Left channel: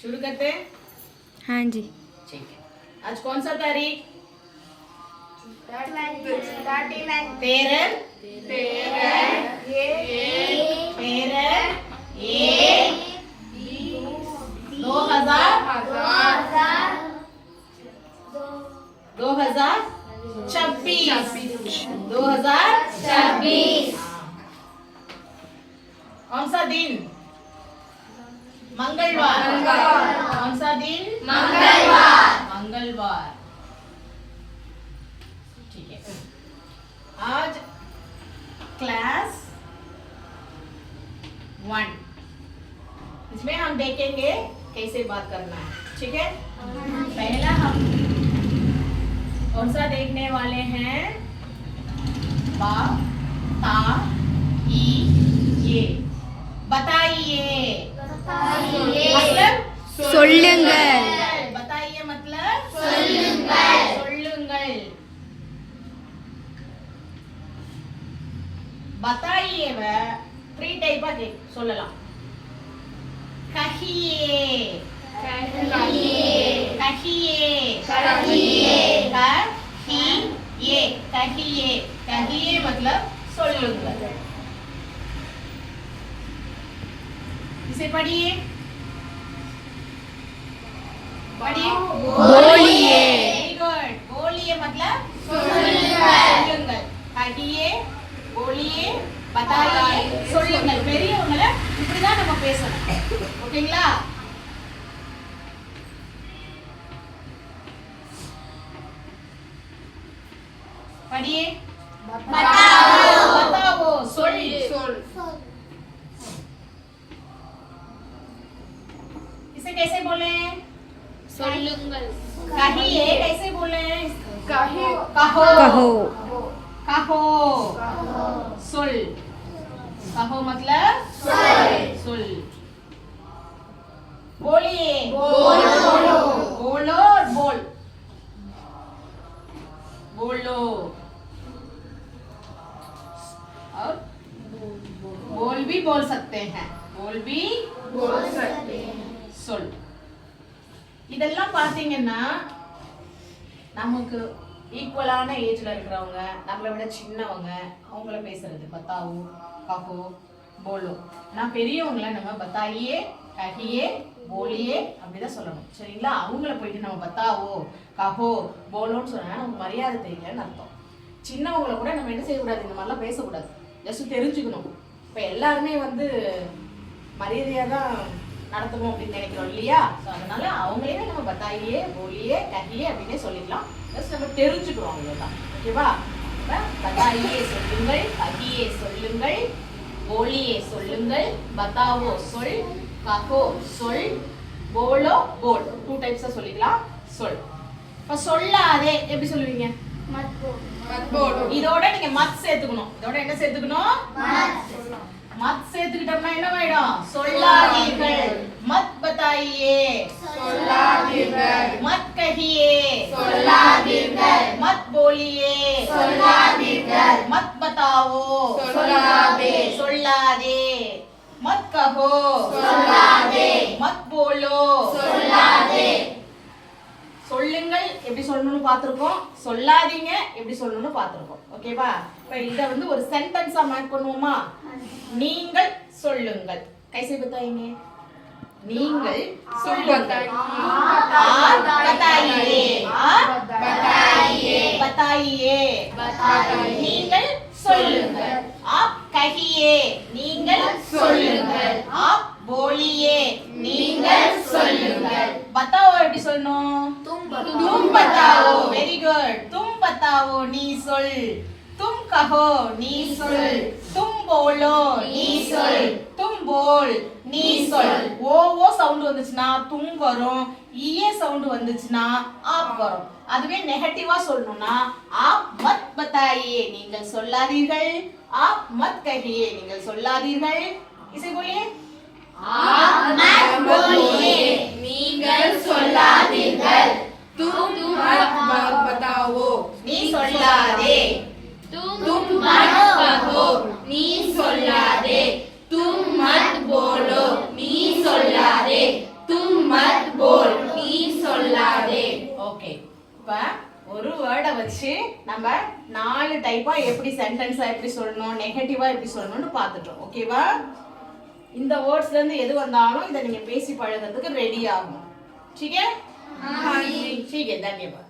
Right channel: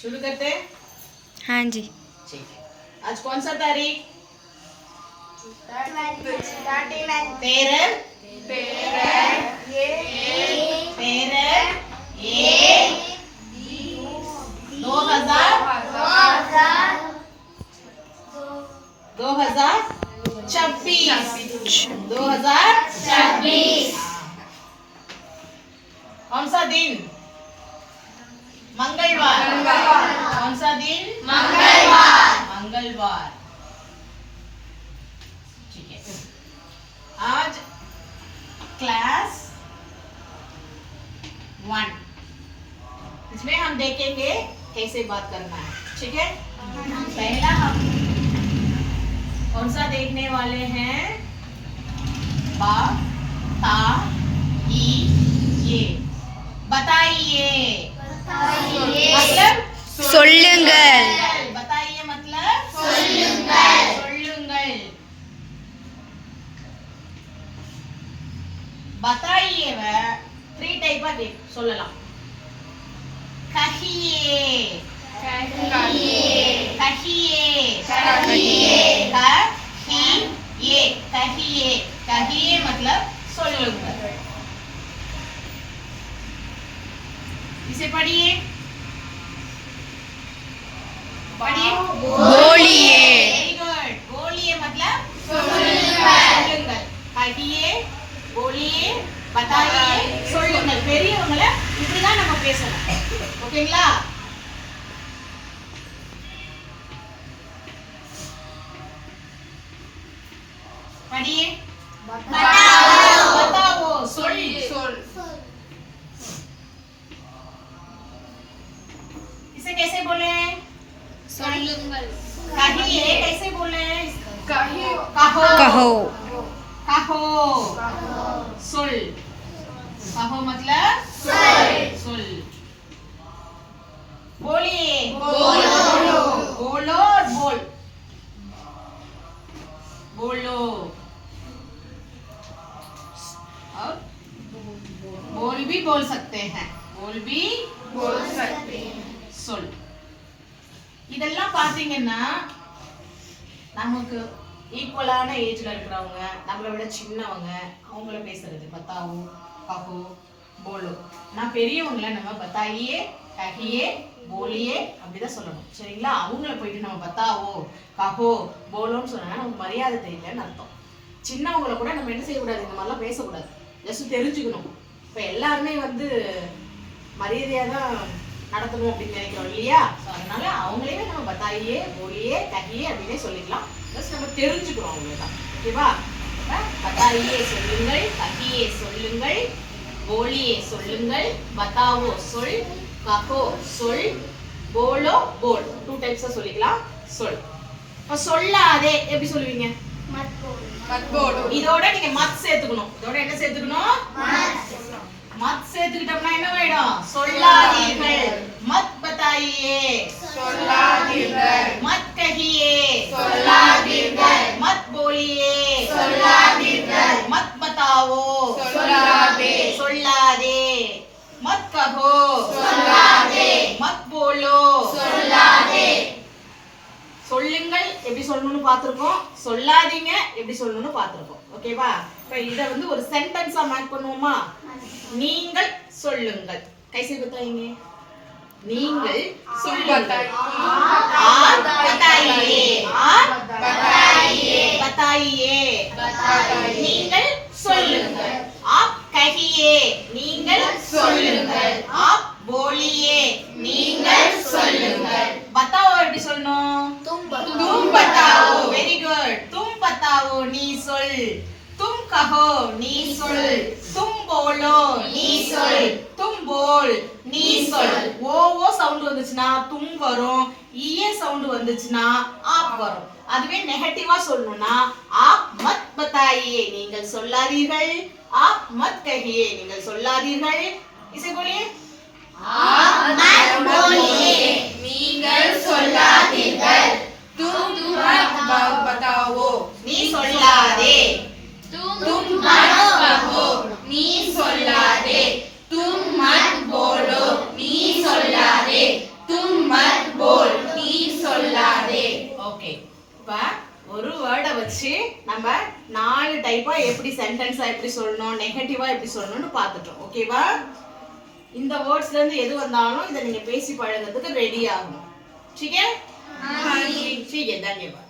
शुरू करते हैं। हाँ जी। ठीक है, आज कौन सा तारीख? 2026 कौन सा दिन? मंगलवार। कौन सा दिन? मंगलवार। ठीक है, आज क्लास 1 इसमें हम देखेंगे कैसे बात करना है। ठीक है, पहला हम कौन सा देखने वाले हैं? बा ता ई ये। बताइए मतलब சொல்லுங்கள். बताइए मतलब சொல்லுங்கள். बताइए 3 டைப்பா சொல்லலாம். कहिए कहिए मतलब சொல்லுங்கள். इसे पढ़िए बोलिए. Very good. बोलिए मतलब சொல்லுங்கள். कहिए, बोलिए, बताइए, சொல்லுங்கள். பெரியவங்கள இப்படிதான் நம்ம பேசணும். ஓகேங்களா? पढ़िए. बताओ சொல். इसे कैसे बोले? कहिए कैसे बोले? कहो कहो. कहो. सुल. कहो मतलब सुल. बोलिए. बोलो और बोल. बोलो और बोल भी बोल सकते हैं. சொல். இதெல்லாம் பாத்தீங்கன்னா நமக்கு ஈக்குவலான ஏஜ்ல இருக்கிறவங்க, நம்மளை விட சின்னவங்க, அவங்கள பேசுறது பத்தாவோ கஹோ போலோ. நான் பெரியவங்கள நம்ம பத்தாயியே கஹியே போலியே அப்படிதான் சொல்லணும். சரிங்களா? அவங்கள போயிட்டு நம்ம பத்தாவோ கஹோ போலோன்னு சொன்னா நமக்கு மரியாதை தெரியலன்னு அர்த்தம். சின்னவங்கள கூட நம்ம என்ன செய்யக்கூடாது, இந்த மாதிரிலாம் பேசக்கூடாது. ஜஸ்ட் தெரிஞ்சுக்கணும். இப்போ எல்லாருமே மரியாதையாக தான் நடத்தணும் அப்படின்னு நினைக்கிறோம் இல்லையா? ஸோ அதனால அவங்களே நம்ம பத்தாயியே போலியே கஹியே அப்படின்னே சொல்லிடலாம். ஜஸ்ட் நம்ம தெரிஞ்சுக்கிறோம் அவ்வளோதான். ஓகேவா? பத்தாயியே சொல்லுங்கள், கஹியே சொல்லுங்கள், போலியே சொல்லுங்கள், பத்தாவோ சொல், கஹோ சொல், போலோ போல். 2 டைப்ஸாக சொல்லிக்கலாம். சொல். இப்போ சொல்லாதே எப்படி சொல்லுவீங்க? இதோட நீங்க மத் சேர்த்துக்கணும். இதோட என்ன சேர்த்துக்கணும்? मत சேர்த்துக்கிட்டோம்னா என்ன ஆயிடும்? சொல்லாதீர்கள். मत बताइए சொல்லாதீர்கள். मत कहिए சொல்லாதீர்கள். मत बोलिए சொல்லாதீர்கள். मत बताओ சொல்லாதே. मत कहो சொல்லாதே. मत बोलो சொல்லாதே. சொல்லுங்கள் எப்படி சொல்லணும்னு பார்த்திருக்கோம். சொல்லாதீங்க எப்படி சொல்லணும்னு பார்த்திருக்கோம். ஓகேவா? இப்போ இத ஒரு சென்டென்ஸா மேக் பண்ணுவோமா? நீங்கள் சொல்லுங்கள். कैसे बताएंगे? நீங்கள் சொல்லுங்கள். आप बताइए. आप बताइए. நீங்கள் சொல்லுங்கள். आप कहिए. நீங்கள் சொல்லுங்கள். आप बोलिए. நீங்கள் சொல்லுங்கள். बताओ எப்படி சொல்லணும்? तुम बताओ. Very good. तुम बताओ நீ சொல். तुम कहो நீ சொல். तुम बोलो நீ சொல். तुम बोल நீ சொல். ஓ சவுண்ட் வந்துச்சுனா தும் வரும். ஈயே சவுண்ட் வந்துச்சுனா ஆப் வரும். அதுவே நெகட்டிவா சொல்லணும்னா आप मत बताइए நீங்கள் சொல்லாதீர்கள். आप मत कहिए நீங்கள் சொல்லாதீர்கள். इसे बोलिए. आप मत बोलिए நீங்கள் சொல்லாதீர்கள். तुम मत बताओ நீ சொல்லாதே. तुम मत कहो நீ சொல்லாதே. तुम मत बोलो நீ சொல்லாதே. तुम मत ஒரு வேர்டை வச்சு நம்ம 4 டைப்பா எப்படி சென்டென்ஸா எப்படி சொல்லணும், நெகட்டிவா எப்படி சொல்லணும்னு பார்த்துட்டோம். ஓகேவா? இந்த வேர்ட்ஸ்ல இருந்து எது வந்தாலும் இதை நீங்க பேசி பழகிறதுக்கு ரெடி ஆகணும். ठीक है? हाँ जी। ठीक है, धन्यवाद।